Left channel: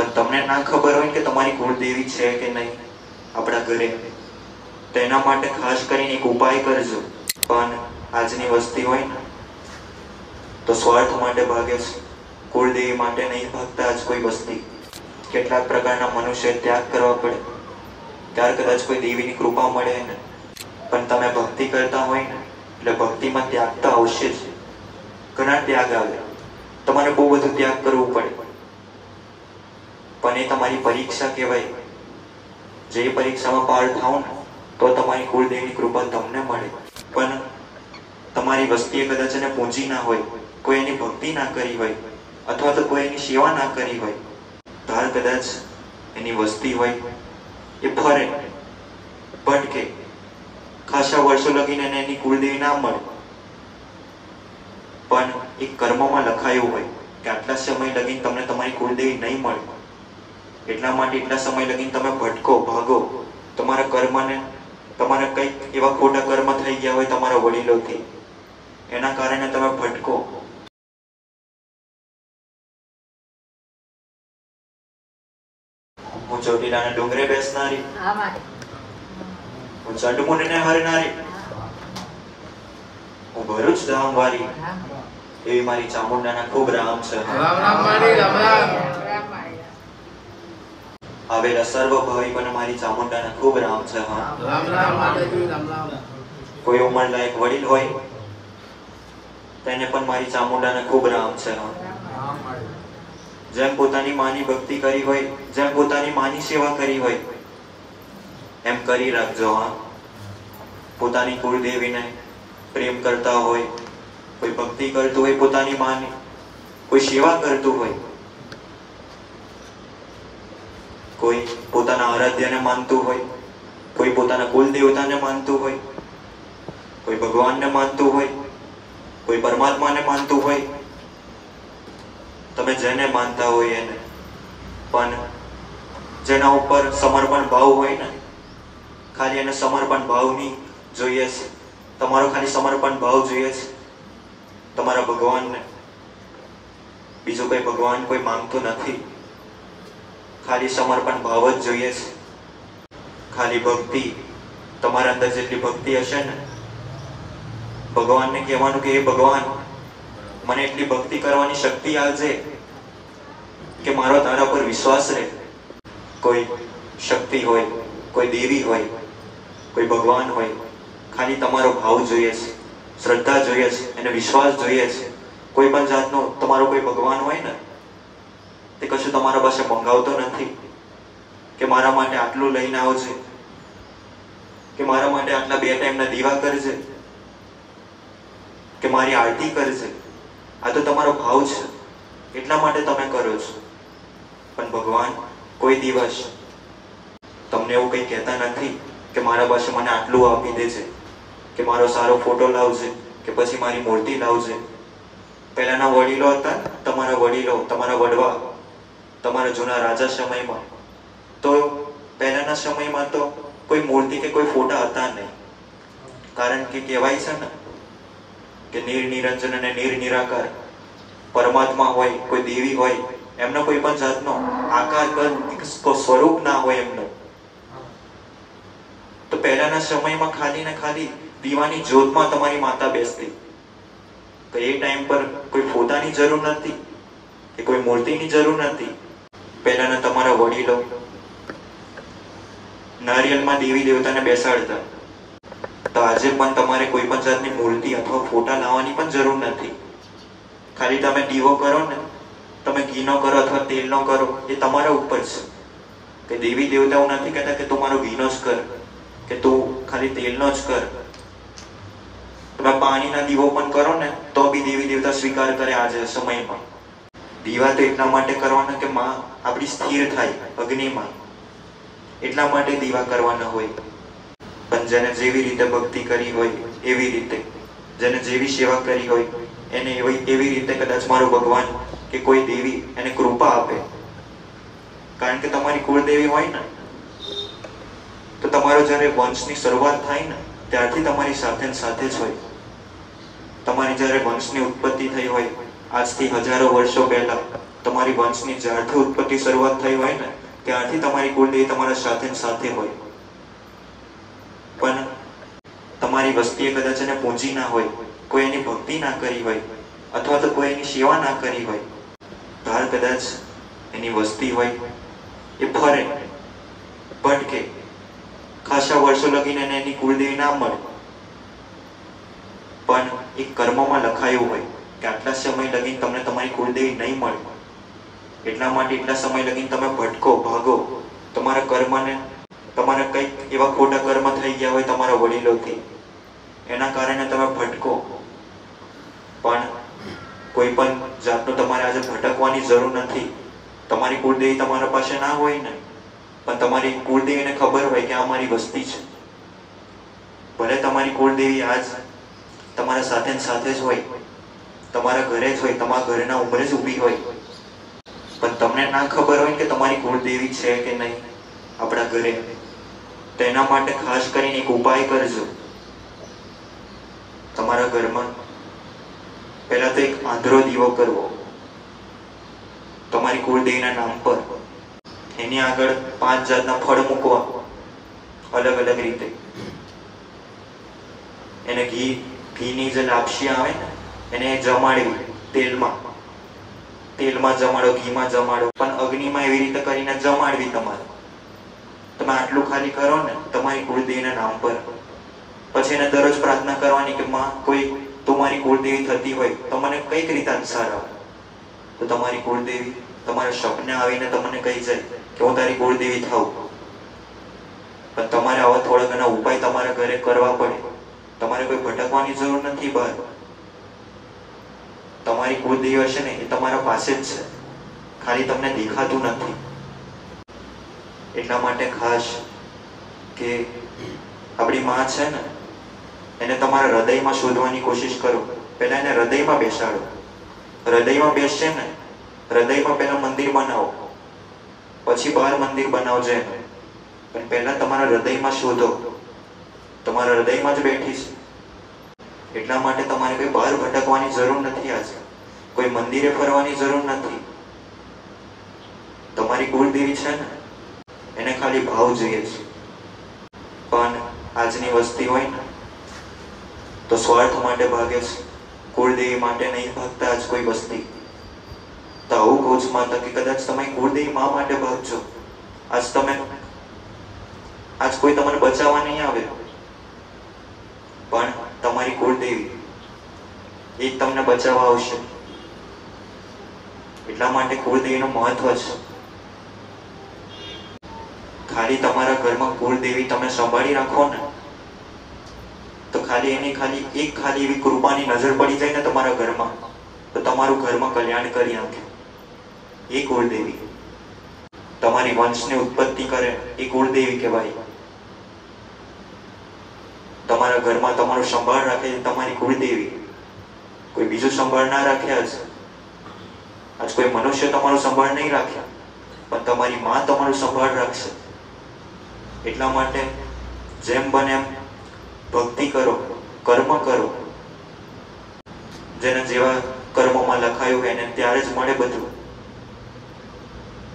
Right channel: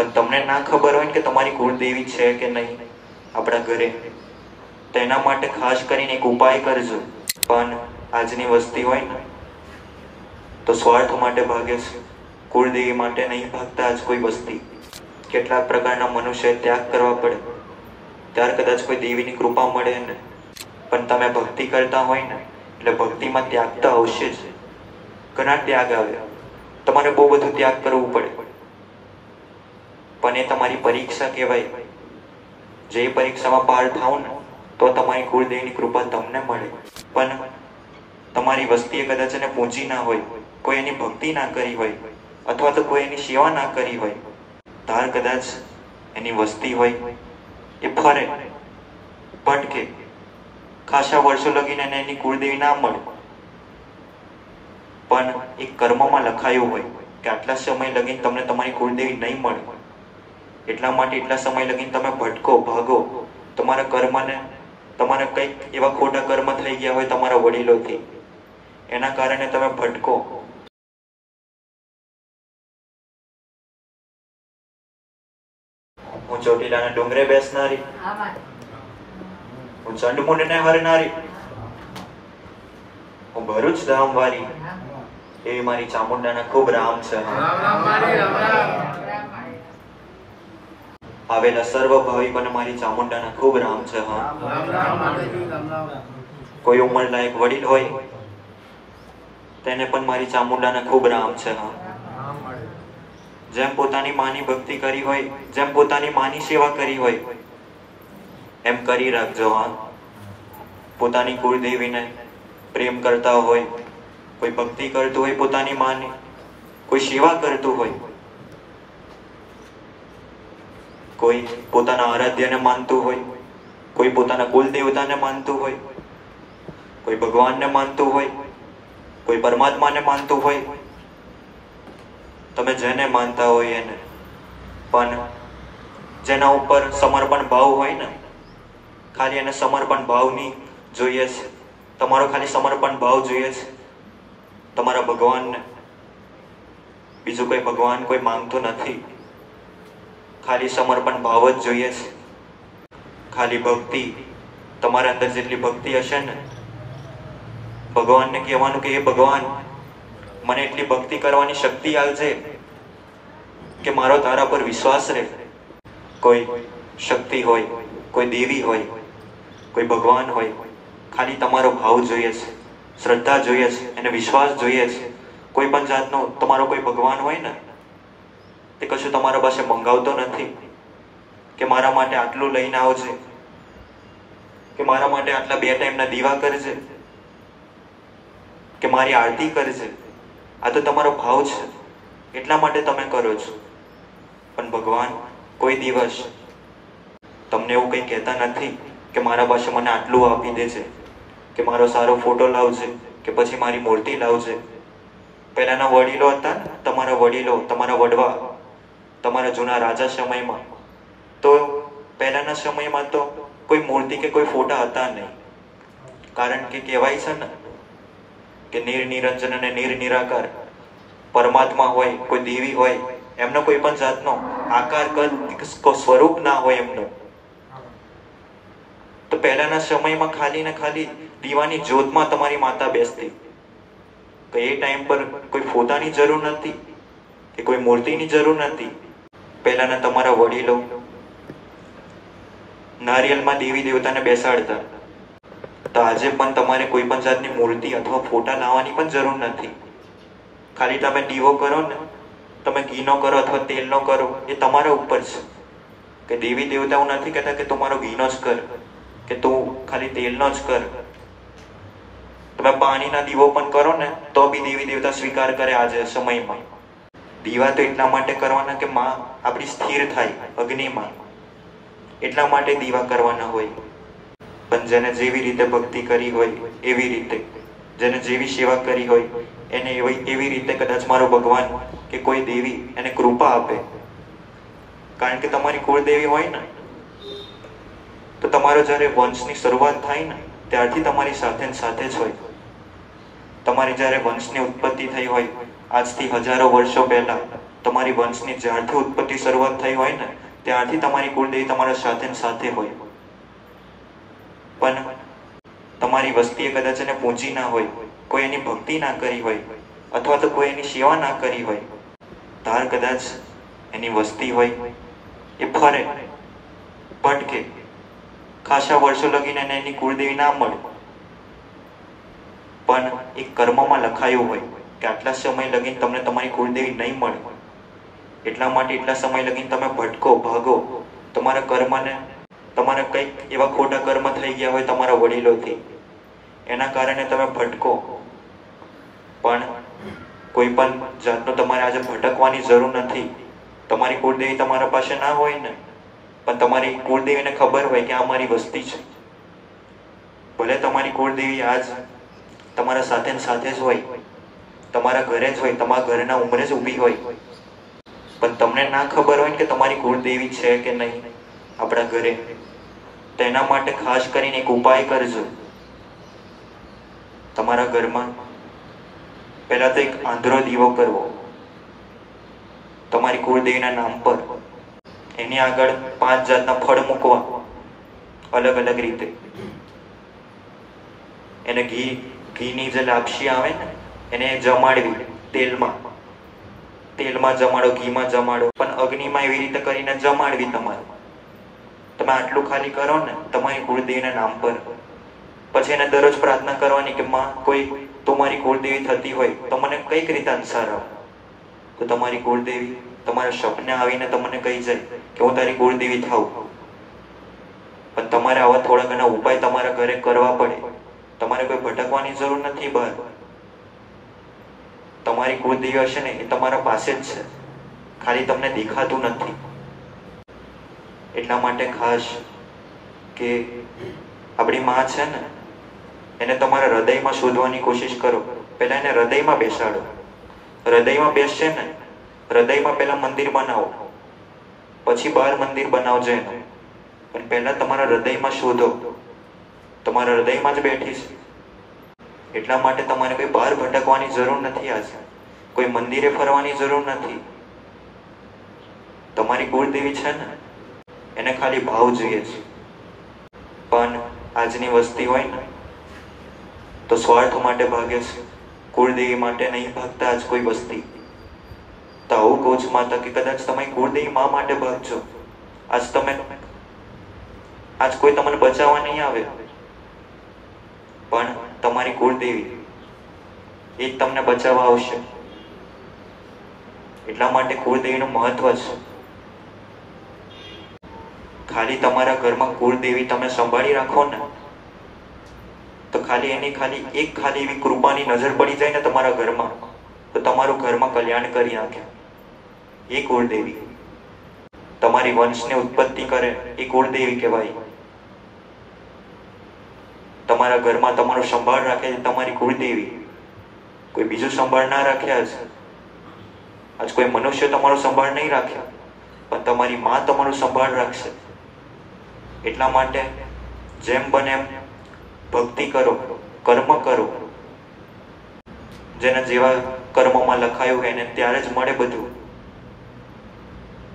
પણ તમને ના ખબર હોય કે તમારી કુળદેવી છે કે નહીં આપણા ઘરે, તેના માટે ખાસ કરીને એક ઉપાય કરજો. પણ આજની વસ્તી હોય ને તો સ્વાર્થ માટે ભાગે છે, કુળદેવી માટે નહીં ભાગતા. આજ કોઈ વસ્તી કેટલાક પ્રકારના મનુષ્ય ત્યાગ કરવા પડે ત્યારે કદાચ કોઈ દેવીની કૃપા મળે ને. પણ તમે ભક્તિ કરતા હોય ને એટલે ભક્તિમાં ત્યાગ તો આવશે જ. ઘણા ત્યાગ આવે, તમારે બહુ બધું ત્યાગ કરવું પડે, પણ એ તમારી પરીક્ષા કહેવાય. જે પરીક્ષામાં પાર થાવ ને તો તમારી કુળદેવીની કૃપા તમને મળે. પણ તમારી વસ્તીએ કદાચ એને પૂંજી ના હોય, કોઈ એની ભક્તિ ના કરી હોય, અથવા તો કોઈ એની સેવા ના કરી હોય, તાર કદાચ એની વસ્તી હોય એ ફરે ભટકે, ખાસા વર્ષો લગીને એની કુળદેવી ના મળે. પણ એક કર્મમાં લખાયું હોય કે આટલા સમય લગીને તમને તમારી કુળદેવી નહીં મળે, એટલા માટે એટલા સમય લગીને તમે ભટકો, ભાગો. તમારા કર્મને, તમારે કંઈક એવા ખોટા કર્મ થઈ ગયા હોય તમારા વડીલોથી, એના કારણે તમે ભટકો. હું ચોટીલાના ડુંગરે બેસનારી, હું ચંડમુંડને હરનારી, હું ભરૂચ ધામ વારી, એવી મારી ચામુંડાના ખૂબ રામ છે. આવેલા સર્વ ભાવિકોને મારી ચામુંડાના ખૂબ રામ છે. કોઈ ઉંમર લાયક વડીલ હોય તેને પણ મારી ચામુંડાના ખૂબ રામ છે. જેમ પોતાની માની ભક્તિ કરી હોય, જેમ પોતાની માની સેવા કરી હોય, એમ કરી રાખજો. પોતાની કુળદેવીને પ્રેમ કરતા હોય, કોઈ ભક્તિ કરતું હોય પોતાની માની, કોઈ સેવા કરતું હોય, કોઈ પોતાના આરાધ્યને માનતું હોય, કોઈ પોતાના કુલદેવતાને માનતું હોય, કોઈ ભગવાનને માનતું હોય, કોઈ પરમાત્માને માનતું હોય, તમે જેને માનતા હોય એને, પણ જેના ઉપર સમર્પણ ભાવ હોય ને, ખાલી એને સમર્પણ ભાવની જોઈએ છે, તમારો ખાલી સમર્પણ ભાવ જોઈએ છે તમારા ભગવાનને. બીજું કોઈ ભગવાન કોઈ માંગતો નથી, ખાલી સમર્પણ ભાવ જ જોઈએ છે. ખાલી ભક્તિ, તમારા અંદર જેટલી ભક્તિ હશે ને, ભગવાનને કહેવાનું કે હે ભગવાન, મને એટલી ભક્તિ કરવાની શક્તિ આવજે કે મારો તારા પર વિશ્વાસ રહે. કોઈ શક્તિ હોય, કોઈ દેવી હોય, કોઈ ભગવાન હોય, ખાલી તમારો ભાવ જોઈએ છે, શ્રદ્ધા જોઈએ છે, એને વિશ્વાસ જોઈએ છે. કોઈ પણ જાતનો તમારો કોઈ ભગવાન હોય ને, એ કશું તમારા પાસે મંગાવતો નથી કે મારા માટે આટલું લઈને આવજે, કે મારા માટે આટલા 2 ટાઈમના દીવા કરજે, કે મારી આરતી કરજે. આ તો તમારો ભાવ છે, એટલા માટે તમે કરો છો. પણ ભગવાન કોઈ દિવસ તમને એવું કંઈ કહેતા નથી કે મારા પાસે મને આટલું આપી દેજે, કે મારો સારો ફોટો લાવજે, કે પછી મારી મૂર્તિ લાવજે. પહેલાના વડીલો હતા, તમારા વડીલો, તમારા વડવા, તમારા જૂના રાજા સમયમાં, તો પહેલાના સમયમાં તો કોઈ મૂર્તિ કે કોઈ ફોટા હતા નહીં. કારણ કે કહેવાય છે ને કે નિરંજન અને નિરાકાર પરમાત્મા હોય, કોઈ દેવી હોય, એમનો કોઈ પણ જાતનો આકાર કદ સ્વરૂપ ના હોય એમનો. તો પહેલાના સમયમાં ખાલી ને ખાલી દીવાની જ્યોતમાં તમારી માતા બેસતી. તો એ ટાઈમ પર કોઈ ફોટાની જરૂર નથી કે કોઈ મૂર્તિની જરૂર નથી. પહેલાના તમારા વડીલો નારિયેળમાં દેવી દેવતાને બેસાડતા. તો આજે પણ તમારે કોઈ પણ જાતની મૂર્તિ અથવા ફોટા લાવવાની પણ જરૂર નથી. ખાલી તમે દીવો કરો ને, તમે ઘીનો કરો અથવા તેલનો કરો, એ તમારા ઉપર છે. કે દેવી દેવતાઓ નથી કહેતા કે તમારો ઘીનો જ કર, કે તું ખાલી તેલનો જ કર. તમે પાણીના દીવો પણ કરો ને તો બી દેવી દેવતા સ્વીકાર કરે આજે સમયમાં. દીવા તો એટલા માટે કરવાના કે માં આપણી સ્થિર થાય અગ્નિમાં, એટલા માટે દીવા કરવાના હોય. પણ જેને જેવી રીતે ભક્તિ કરી હોય એવી રીતે, જેને જેવી સેવા કરી હોય એને એવી રીતે કદાચ મારો ભગવાન કે કોઈ દેવી એને કૃપા આપે. કારણ કે તમારી કુળદેવી હોય ને તો તમારો જ્યારે વંશની શરૂઆત થાય ને ત્યારથી તમારી સાથે સાથે જ હોય. તમારી જ્યારે વંશની ઉત્પત્તિ થઈ હોય આજથી હજારો વર્ષો પહેલા, તમારી વંશની જ્યારથી ઉત્પત્તિ શરૂઆત થઈ હોય ને ત્યારથી તમારી કુળદેવી તમારા સાથે ને સાથે હોય. પણ તમારી વસ્તીએ કદાચ એને પૂજી ના હોય, કોઈ એની ભક્તિ ના કરી હોય, અથવા તો કોઈ એની સેવા ના કરી હોય, તાર કદાચ એની વસ્તી હોય એ ફરે ભટકે, ખાસા વર્ષો લગીને એની કુળદેવી ના મળે, પણ એ કર્મમાં લખાયું હોય કે આટલા સમય લગીને તમને તમારી કુળદેવી નહીં મળે, એટલા માટે એટલા સમય લગીને તમે ભટકો, ભાગો, તમારા કર્મને, તમારે કંઈક એવા ખોટા કર્મ થઈ ગયા હોય તમારા વડીલોથી, એના કારણે તમે ભટકો. પણ કોઈ પણ જાતનો તમારે આજે ભટકવાની જરૂર નથી. તમારી કુળદેવી તમારા પાસે ના હોય ને, પણ તમારી કુળદેવીને ખબર હોય કે આ મારી વસ્તી છે. ભલે તમારી કુળદેવી આજ તમારા સાથે ને સાથે જ હોય, તમારા ઘરે જ હોય, તમારા ઘરના ઉંમરે જ ઊભી હોય, પણ તમને ના ખબર હોય કે તમારી કુળદેવી છે કે નહીં આપણા ઘરે. તેના માટે ખાસ કરીને એક ઉપાય કરજો. તમારા ઘરમાં પહેલા તો એક આંધળો દીવો કરવો તમારી કુળદેવીના નામ પર. એની આગળ 5 જાતના ફળ મૂકવા અલગ અલગ રીતે. એને ઘીની જે લાપસી આવે ને એને જમાડવી, તેલમાં જમાડો, ઘીમાં જમાડો, પણ અગ્નિમાં એવી રીતે કરીને જમાડવી. તમે આટલું ખાલી કરો ને તમારી કુળદેવીના નામ પર. પછી એને દરરોજ પ્રાર્થના કરવાની કે માં, કોઈ તમારી કુળદેવી થતી હોય તો મને કઈક રીતે અનુસાર આવે. તો તમારી કુળદેવી તમારા સપને આવીને તમને કહી જાય કે હું તારી કુળદેવી થાઉં. પણ તમારે આવા થોડા ઘણા ઉપાય તમારા ઘરે કરવા પડે. તમારે કોઈ ભટકવાની જરૂર નથી બહાર. તમારી કુળદેવી હશે ને એ તમારા પાસે જ છે, ખાલી તમને દેખાતું નથી. એટલા માટે ખાસ કે આપણી માં છે ને એને તમારા હૃદયમાં શોધવાની કોશિશ કરો. પહેલા એને હૃદયમાં બેસાડો. હૃદયમાં બેસશે ને, હૃદયમાં પહેલા મંદિર બનાવો, પછી બહાર મંદિર બનાવજો એને. પણ પહેલા તમારા હૃદયમાં શોધો. તમારા હૃદયમાં જ બેઠી છે. એટલા માટે તમારે કોઈ બહાર ભટકવાની જરૂર નથી. આજે કોઈ મંદિરે ફરવાની જરૂર નથી. તમારી કુળદેવી છે ને એને ખાલી ભાવ જોઈએ છે. પણ આજની વસ્તી હોય ને તો સ્વાર્થ માટે ભાગે છે, કુળદેવી માટે નહીં ભાગતા આજ કોઈ વસ્તી. તો આવું કહું છું માતા કે કદાચ તમે કુળદેવી માં માટે ભાગજો. આજ કોઈ તમને બચાવવા નહીં આવે, પણ તમારી કુળદેવી એ જ તમને બચાવવા આવશે. એટલા માટે કુળદેવીનું મહત્વ છે. ખાલી તમારા ઘરમાં કુળદેવી તમે સંભાળી રાખો ને તો ખાલી એની એક એવી કૃપાની નજર પડી જાય ને તમારા ઘરમાં તો તમારું ઘરમાં કલ્યાણ કરી નાખે. એ કુળદેવી તમારી વંશની ઉત્પત્તિ કરે એ કુળદેવી કહેવાય. તમારા ઘરમાં તમારો સંભાળ રાખે છે તમારી કુળદેવી. કોઈ બીજું સંભાળ ના રાખે. આજ કોઈ મનુષ્ય તમારો સંભાળ નહીં રાખે, પણ તમારી માં તમારું સંભાળ રાખશે. એટલા માટે જેમ બને એમ ભક્તિ કરો, કર્મ કરો. જેને જેવા કર્મોમાં લખાયું એને ત્યારે જ મળે બધું.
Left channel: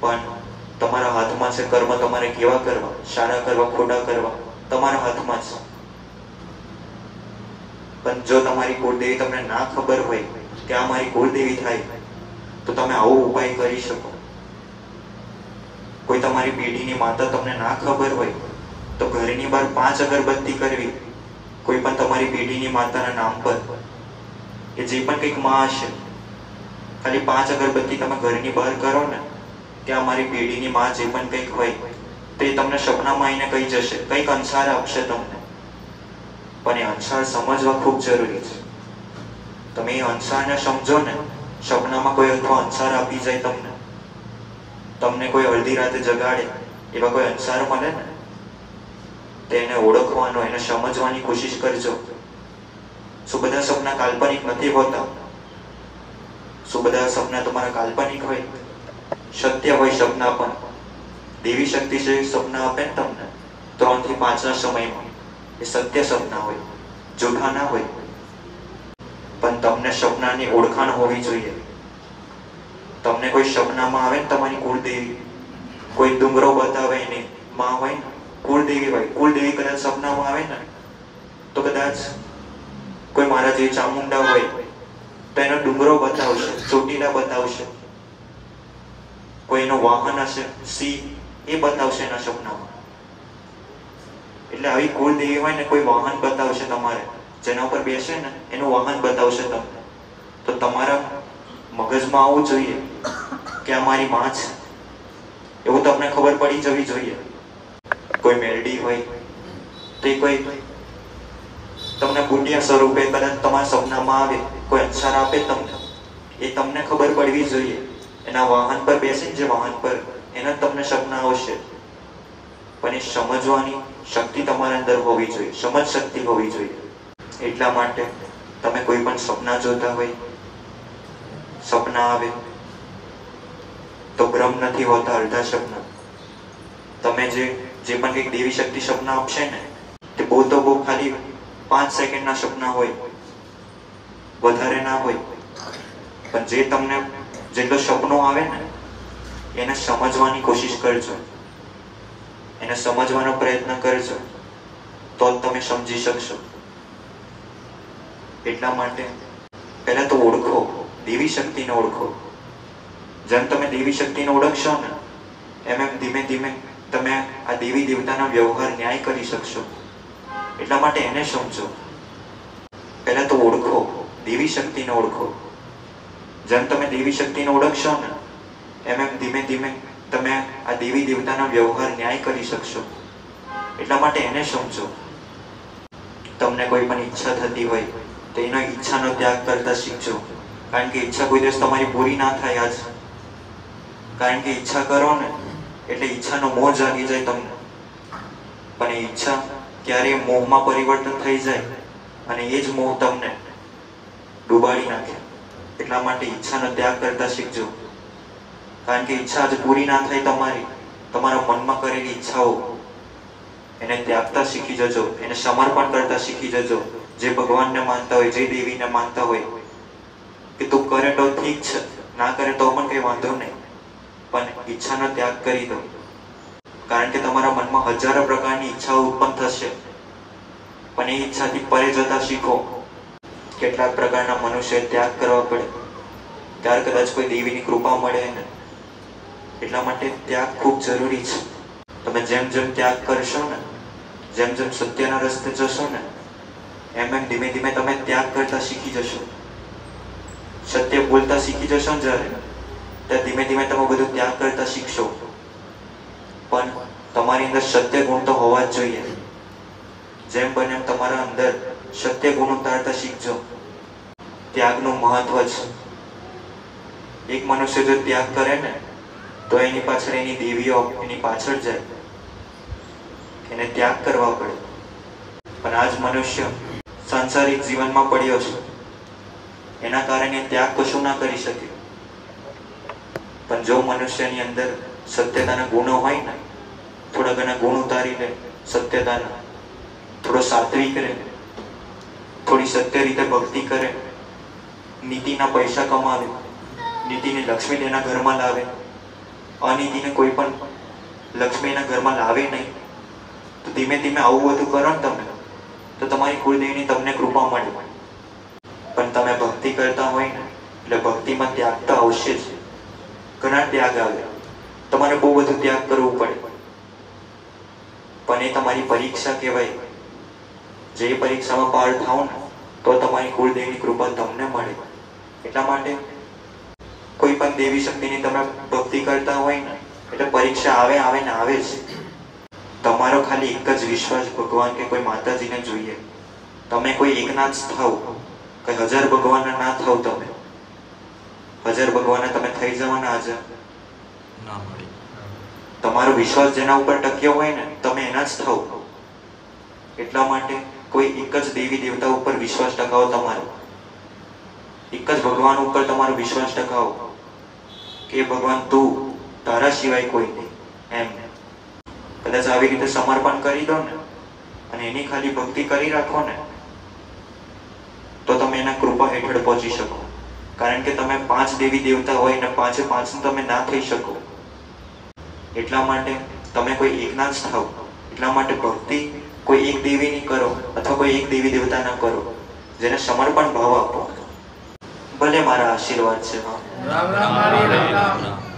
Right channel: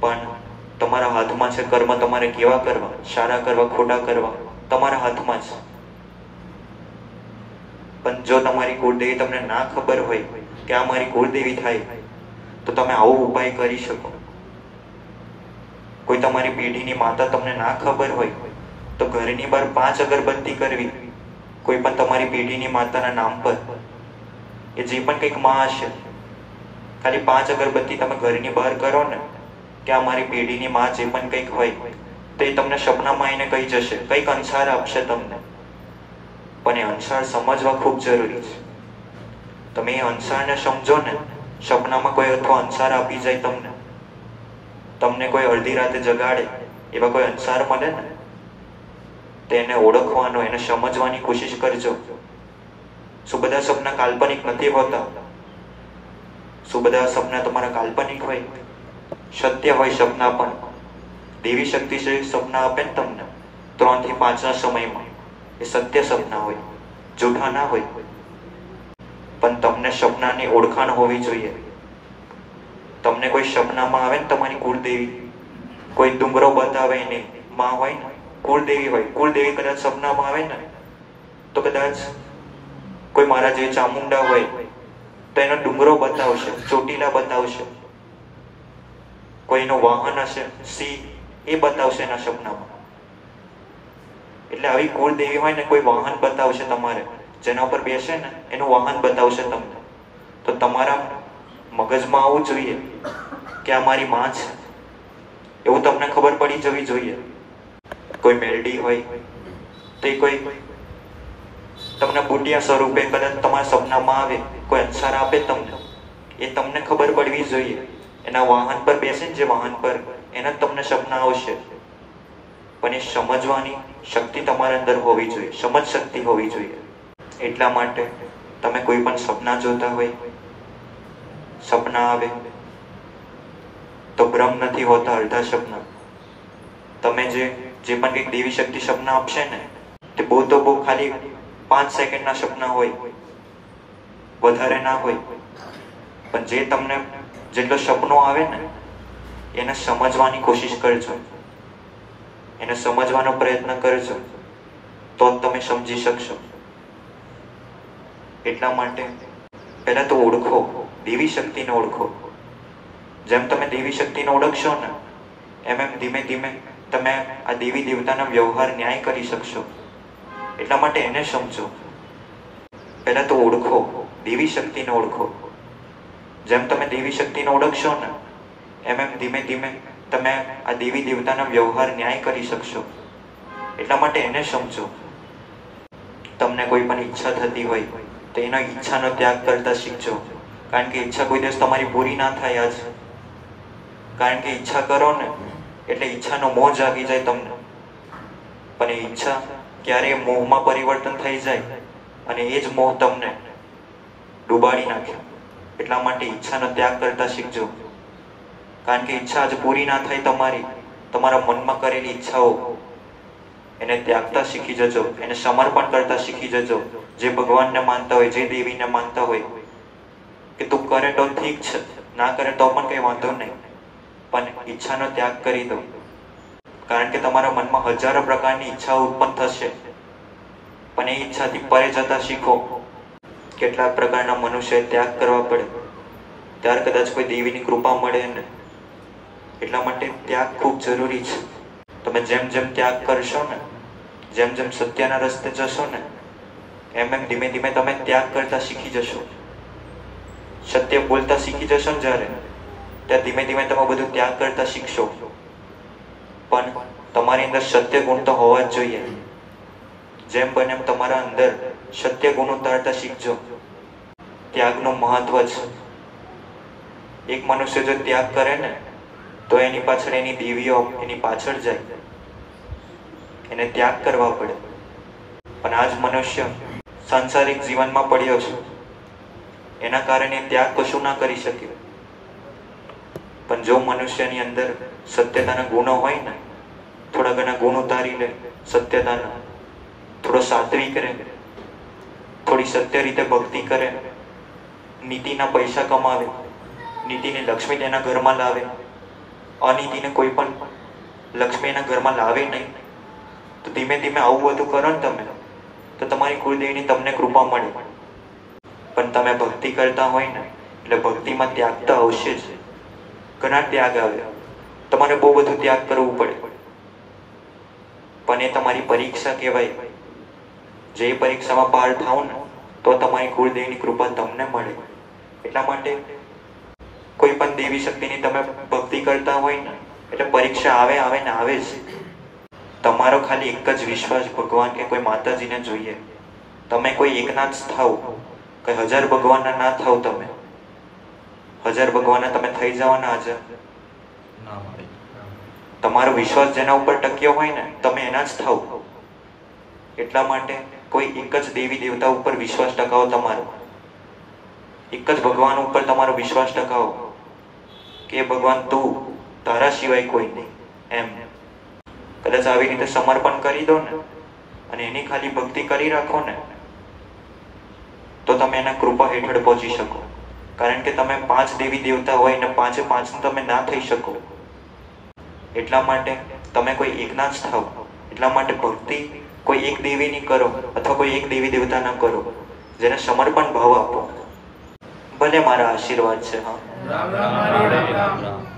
પણ તમારા હાથમાં છે કર્મ. તમારે કેવા કરવા, સારા કરવા, ખોટા કરવા, તમારા હાથમાં છે. પણ જો તમારી કુળદેવી તમને ના ખબર હોય કે આ મારી કુળદેવી થાય તો તમે આવો ઉપાય કરી શકો. કોઈ તમારી પેઢીની માતા તમને ના ખબર હોય તો ઘરની બહાર 5 અગરબત્તી કરવી કોઈ પણ તમારી પેઢીની માતાના નામ પર, કે જે પણ કંઈક માં હશે, ખાલી 5 અગરબત્તી તમે ઘરની બહાર કરો ને કે આ મારી પેઢીની માં જે પણ કંઈક હોય તે તમને સપનામાં આવીને કહી જશે, કંઈક અંસાર આપશે તમને. પણ એ અંસાર સમજવા ખૂબ જરૂરી છે. તમે એ અંસારને સમજો ને, સપનામાં કોઈ અથવા અંસાર આપી જાય તમને કોઈ અડધી રાતે જગાડે, એવા કોઈ અંસાર મળે ને તેને ઓળખવાનો, એને સમજવાની કોશિશ કરજો. શું બધા સપના કાલ્પનિક નથી હોતા? શું બધા સપના તમારા કાલ્પનિક હોય? સત્ય હોય સપના પણ. દેવી શક્તિ છે સપના આપે ને તમને 3 થી 5 ના સમયમાં, એ સત્ય સપના હોય, જૂઠા ના હોય. પણ તમને સપનાની ઓળખાણ હોવી જોઈએ. તમને કોઈ સપનામાં આવે ને તમારી કુળદેવી, કોઈ ડુંગરો બતાવે ને માં હોય ને કુળદેવી હોય, કુળદેવી કદાચ સપનામાં આવે ને તો કદાચ કોઈ મારા જે ચામુંડા હોય તો એનો ડુંગરો બતાવશે, ચોટીલા બતાવશે, કોઈનો વાહન હશે સિંહ એ બતાવશે એના સપનામાં. એટલે આવી કુળદેવી હોય ને કોઈ વાહન બતાવશે તમારે, જેના પર બેસે ને એનું વાહન બતાવશે તમને, તો તમારા મગજમાં આવવું જોઈએ કે આ મારી માં છે, એવું તમને ખબર પડી જવી જોઈએ. કોઈ મેલડી હોય તે કોઈ તમને બુટિયા સ્વરૂપે કદાચ તમારા સપનામાં આવે, કોઈ અંસાર આપે તમને, એ તમને ખબર પડવી જોઈએ. એના વાહન પર બેસીને જે વાહન પર એના તમને સપના આવશે, પણ એ સમજવાની શક્તિ તમારા અંદર હોવી જોઈએ, સમજ શક્તિ હોવી જોઈએ. એટલા માટે તમે કોઈ પણ સપના જોતા હોય, સપના આવે તો ભ્રમ નથી હોતા, અડધા સપના. તમે જે પણ કંઈક દેવી શક્તિ સપના આપશે ને તે બહુ તો બહુ ખાલી 5 સેકન્ડના સપના હોય, વધારે ના હોય. પણ જે તમને જેટલો સપનો આવે ને એને સમજવાની કોશિશ કરજો, એને સમજવાનો પ્રયત્ન કરજો, તો જ તમે સમજી શકશો. એટલા માટે પહેલા તો ઓળખો, દેવી શક્તિને ઓળખો. જેમ તમે દેવી શક્તિને ઓળખશો ને એમ ધીમે ધીમે તમે આ દેવી દેવતાના વ્યવહાર ન્યાય કરી શકશો. એટલા માટે એને સમજો. પહેલા તો ઓળખો, દેવી શક્તિને ઓળખો. જેમ તમે દેવી શક્તિને ઓળખશો ને એમ ધીમે ધીમે તમે આ દેવી દેવતાના વ્યવહાર ન્યાય કરી શકશો. એટલા માટે એને સમજો. તમને કોઈ પણ ઈચ્છા થતી હોય તો એનો ઈચ્છાનો ત્યાગ કરતા શીખજો. કારણ કે ઈચ્છા કોઈ દિવસ તમારી પૂરી ના થાય આજ. કારણ કે ઈચ્છા કરો ને એટલે ઈચ્છાનો મોહ જાગી જાય તમને, પણ એ ઈચ્છા ક્યારેય મોહમાં પરિવર્તન થઈ જાય અને એ જ મોહ તમને ડૂબાડી નાખે. એટલા માટે ઈચ્છાનો ત્યાગ કરતા શીખજો. કારણ કે ઈચ્છા જ પૂરી ના થાય તમારી, તમારા મનમાં કરેલી ઈચ્છાઓ એને ત્યાગતા શીખી જજો, એને સમર્પણ કરતા શીખી જજો. જે ભગવાનને માનતા હોય, જે દેવીને માનતા હોય કે તું કરે તો ઠીક છે, ના કરે તો પણ કઈ વાંધો નહીં, પણ ઈચ્છાનો ત્યાગ કરી દો. કારણ કે તમારા મનમાં હજારો પ્રકારની ઈચ્છાઓ ઉત્પન્ન થશે, પણ એ ઈચ્છાથી પરે જતા શીખો. કેટલાક પ્રકારના મનુષ્ય ત્યાગ કરવા પડે ત્યારે કદાચ કોઈ દેવીની કૃપા મળે ને. એટલા માટે ત્યાગ ખૂબ જરૂરી છે. તમે જેમ જેમ ત્યાગ કરશો ને, જેમ જેમ સત્યના રસ્તે જશો ને એમ એમ ધીમે ધીમે તમે ત્યાગ કરતા શીખી જશો. સત્ય બોલતા શીખી જશો ને જ્યારે, ત્યાં ધીમે ધીમે તમે બધું ત્યાગ કરતા શીખશો. પણ તમારી અંદર સત્ય ગુણ તો હોવા જ જોઈએ. જેમ બને એમ તમારા અંદર સત્ય ગુણ ઉતારતા શીખજો. ત્યાગનું મહત્વ છે. એક મનુષ્ય જો ત્યાગ કરે ને તો એની પાછળ એની દેવીઓ એની પાછળ જાય, એને ત્યાગ કરવા પડે. પણ આજ મનુષ્ય સાંસારિક જીવનમાં પડ્યો છે, એના કારણે ત્યાગ કશું ના કરી શકે. પણ જો મનુષ્યની અંદર સત્યતાના ગુણો હોય ને, થોડા ઘણા ગુણ ઉતારી લે સત્યતાના, થોડો સાત્વિક રહે, થોડી સત્ય રીતે ભક્તિ કરે, નીતિના પૈસા કમાવે, નીતિની લક્ષ્મી એના ઘરમાં લાવે, અનીતિને કોઈ પણ લક્ષ્મી એના ઘરમાં લાવે નહીં, તો ધીમે ધીમે આવું બધું કરો ને તમે તો તમારી કુળદેવીની તમને કૃપા મળે. પણ તમે ભક્તિ કરતા હોય ને એટલે ભક્તિમાં ત્યાગ તો આવશે જ. ઘણા ત્યાગ આવે, તમારે બહુ બધું ત્યાગ કરવું પડે, પણ એ તમારી પરીક્ષા કહેવાય. જે પરીક્ષામાં પાર થાવ ને તો તમારી કુળદેવીની કૃપા તમને મળે. એટલા માટે કોઈ પણ દેવી શક્તિની તમે ભક્તિ કરતા હોય ને એટલે પરીક્ષા આવે આવે ને આવે જ. તમારો ખાલી એક જ વિશ્વાસ ભગવાન કે કોઈ માતાજીને જોઈએ. તમે કોઈ એકના જ થાવ, કે 1000 ભગવાનના ના થાવ. તમે 1000 ભગવાનના તમે થઈ જાઓ ને હાજર ના મળે. તમારો વિશ્વાસ જેના ઉપર ટક્યો હોય ને તમે એના જ થાવ. એટલા માટે કોઈ એક જ દેવી દેવતા ઉપર વિશ્વાસ ટકાવો. તમારો એક જ ભગવાન ઉપર તમારો વિશ્વાસ ટકાવો કે ભગવાન તું, તારા સિવાય કોઈ નહીં. એમ કદાચ આવી રીતે સમર્પણ કરી દો ને અને એની ખાલી ભક્તિ કરી રાખો ને તો તમે એના કૃપા હેઠળ પહોંચી શકો. કારણ કે તમે 5 દેવી દેવતા હોય ને પાંચે પાંચનું તમે ના થઈ શકો, એટલા માટે તમે કોઈ એકના જ થાવ. એટલા માટે ભક્તિ કોઈ એક દેવીની કરો અથવા કોઈ એક દેવી દેવતાના કરો, જેને સમર્પણ ભાવ આપો. ભલે મારા આશીર્વાદ છે. હા, રામ રામ.